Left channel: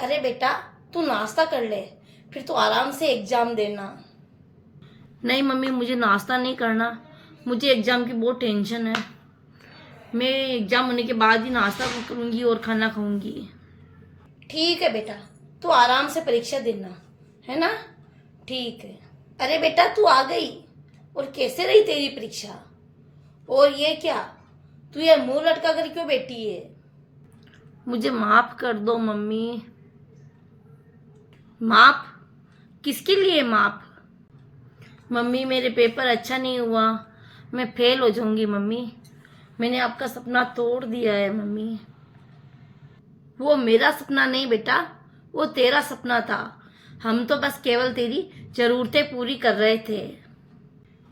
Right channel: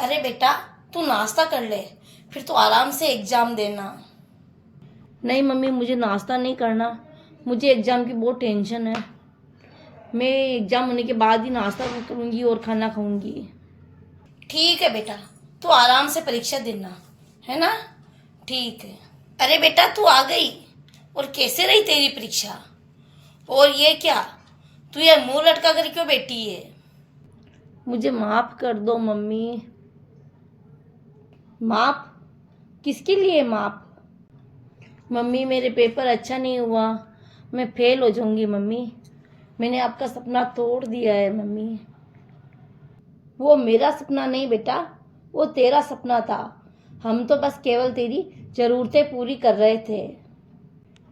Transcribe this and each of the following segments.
अरे बेटा, तू नाश्ता कर ले, फिर तू आराम से एग्जाम देना। नहीं मम्मी, मुझे नाश्ता नहीं करना। मुझे एग्ज़ाम की बहुत टेंशन है। मैं एग्ज़ाम होने के बाद ही नाश्ता करूँगी और खाना खाऊंगी। ठीक है बेटा, तू आराम से परीक्षा देना, है ना? ठीक है। अरे बेटा, तू आ गई। और कैसे रही तेरी परीक्षा? और ये क्या, तू ये मुंह लटका कर क्यों बैठी है? मुझे माफ़ कर दो मम्मी। माफ़? किसके लिए माफ़? मम्मी, मेरे पेपर अच्छा नहीं हुआ, मैं फेल हो जाऊंगी मम्मी। मैंने आपका सपना तोड़ दिया है मम्मी। वो मेरा सपना नहीं बेटा, वो तेरा सपना था। हम तो बस केवल तेरी ज़रूरतें पूरी कर रहे थे।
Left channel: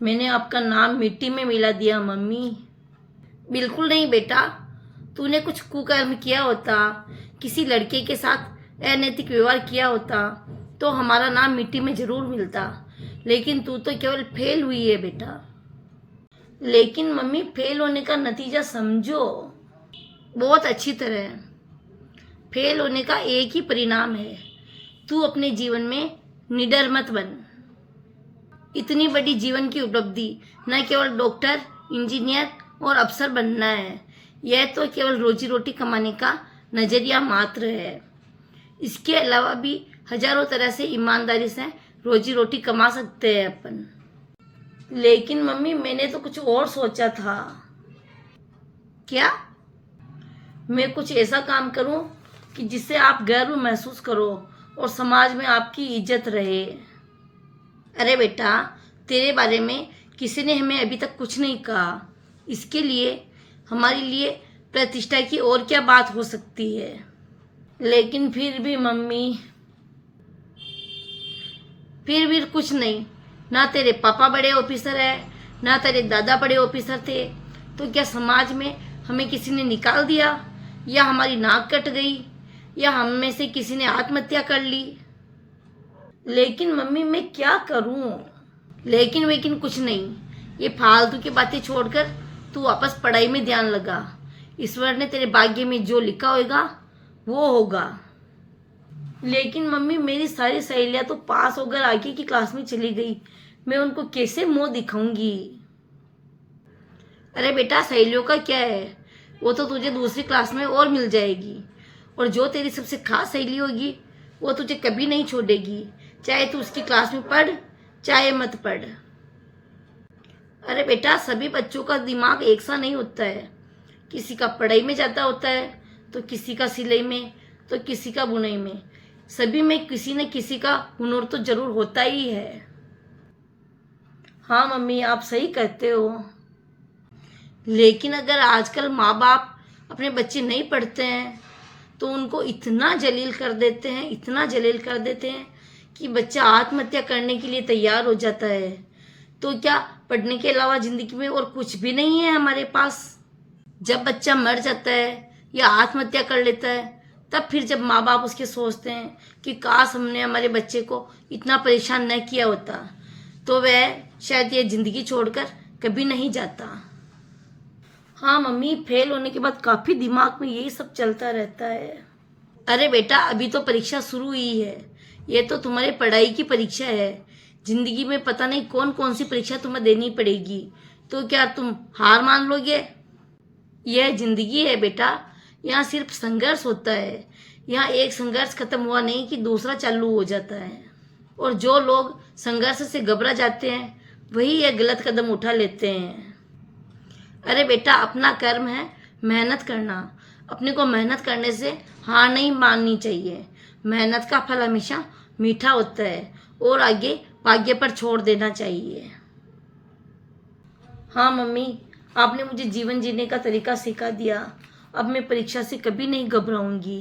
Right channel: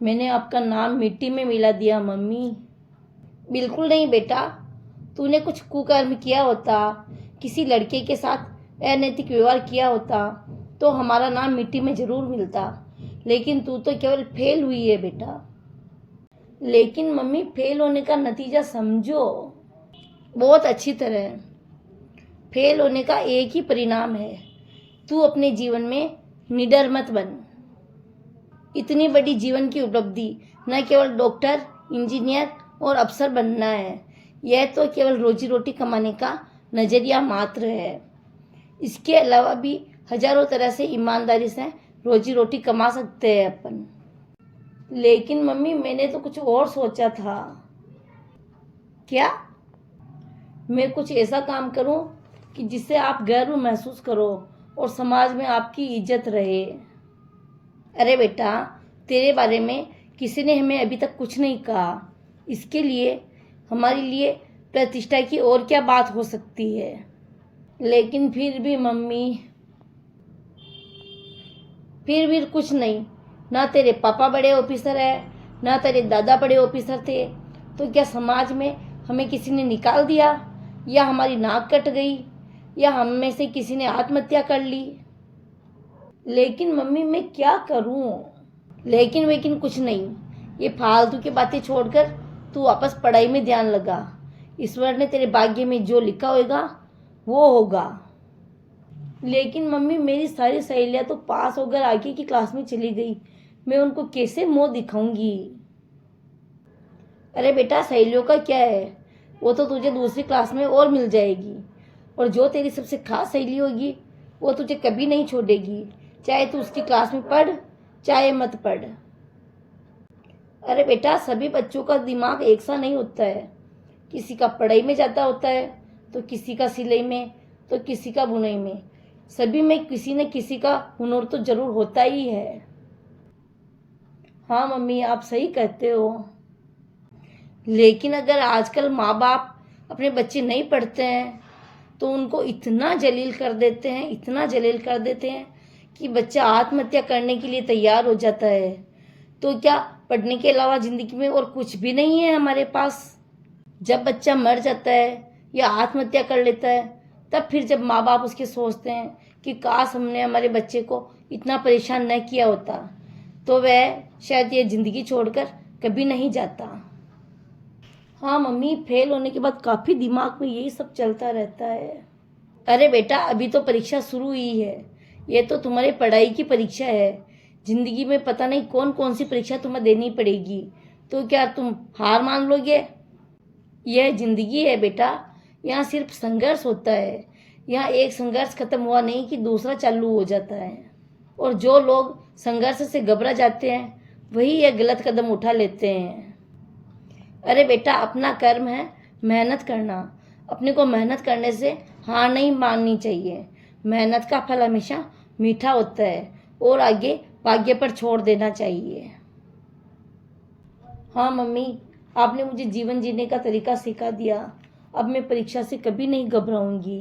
मैंने आपका नाम मिट्टी में मिला दिया मम्मी। बिल्कुल नहीं बेटा, तूने कुछ कुकर्म किया होता, किसी लड़के के साथ अनैतिक व्यवहार किया होता तो हमारा नाम मिट्टी में जरूर मिलता। लेकिन तू तो केवल फेल हुई है बेटा। लेकिन मम्मी, फेल होने का नतीजा समझो बहुत अच्छी तरह। फेल होने का एक ही परिणाम है, तू अपने जीवन में निडर मत बन। इतनी बड़ी जीवन की उपलब्धि न केवल डॉक्टर, इंजीनियर और अफसर बनना है, यह तो केवल रोजी रोटी कमाने का नजरिया मात्र है। इसके अलावा भी हजारों तरह से ईमानदारी से रोजी रोटी कमा सकते हैं अपन। लेकिन मम्मी, मैंने तो कुछ और सोचा था। क्या? मैं कुछ ऐसा काम करूं कि जिससे आप गर्व महसूस करो और समाज में आपकी इज्जत रहे। अरे बेटा, तेरे बारे में किसी ने हमें अभी तक कुछ नहीं कहा। इसके लिए हमारे लिए प्रतिष्ठा की और क्या बात हो सकती है? लेकिन फिर भी मम्मी, फिर भी कुछ नहीं। ना तेरे पापा बड़े ऑफिसर है, ना तेरे दादा बड़े ऑफिसर थे, तो क्या समाज में हमें किसी ने निकाल दिया, या हमारी नाक कट गई, या हम में से किसी ने आत्महत्या कर ली? लेकिन मम्मी, मैं क्या करूं? लेकिन कुछ नहीं। ये फालतू की बातें छोड़कर तू वापस पढ़ाई में ध्यान लगा। ईश्वर ने तेरे भाग्य में जो लिखा होगा वो होगा। लेकिन मम्मी, मेरी सारी सहेलियां तो पास होकर आगे की क्लास में चली गई। मैं उनको कैसे मुंह दिखाऊंगी? अरे बेटा, सहेलियों का क्या है, वो तो तुझे दूसरी क्लास में और मिल जाएगी। और जो तेरी सबसे खास सहेली होगी वो तुझे कभी नहीं छोड़ेगी, चाहे तू उसकी क्लास में पढ़ चाहे मत पढ़। अरे बेटा, सभी बच्चों का दिमाग एक सा नहीं होता है। किसी का पढ़ाई में जाता होता है, तो किसी का सिलाई में, तो किसी का बुनाई में। सभी में किसी न किसी का हुनर तो जरूर होता ही है। हाँ मम्मी, आप सही कहते हो। लेकिन अगर आजकल माँ बाप अपने बच्चे नहीं पढ़ते हैं तो उनको इतना जलील कर देते हैं, इतना जलील कर देते हैं कि बच्चा आत्महत्या करने के लिए तैयार हो जाता है। तो क्या पढ़ने के अलावा जिंदगी में और कुछ भी नहीं है हमारे पास? जब बच्चा मर जाता है या आत्महत्या कर लेता है, तब फिर जब माँ बाप उसके सोचते हैं कि काश हमने हमारे बच्चे को इतना परेशान न किया होता, तो वह शायद ये जिंदगी छोड़कर कभी नहीं जाता। हाँ मम्मी, फेल होने के बाद काफी दिमाग में यही सब चलता रहता है। अरे बेटा, अभी तो परीक्षा शुरू हुई है। ये तो तुम्हारी पढ़ाई की परीक्षा है। जिंदगी में पता नहीं कौन कौन सी परीक्षा तुम्हें देनी पड़ेगी, तो क्या तुम हार मान लोगे? यह जिंदगी है बेटा, यहाँ सिर्फ संघर्ष होता है। यहाँ एक संघर्ष खत्म हुआ नहीं कि दूसरा चालू हो जाता है। और जो लोग संघर्ष से घबरा जाते हैं वही यह गलत कदम उठा लेते हैं। अरे बेटा, अपना कर्म है मेहनत करना। अपने को मेहनत करने से हार नहीं माननी चाहिए। मेहनत का फल हमेशा मीठा होता है और आगे भाग्य पर छोड़ देना चाहिए। हाँ मम्मी, आपने मुझे जीवन जीने का तरीका सिखा दिया। अब मैं परीक्षा से कभी नहीं घबराऊंगी।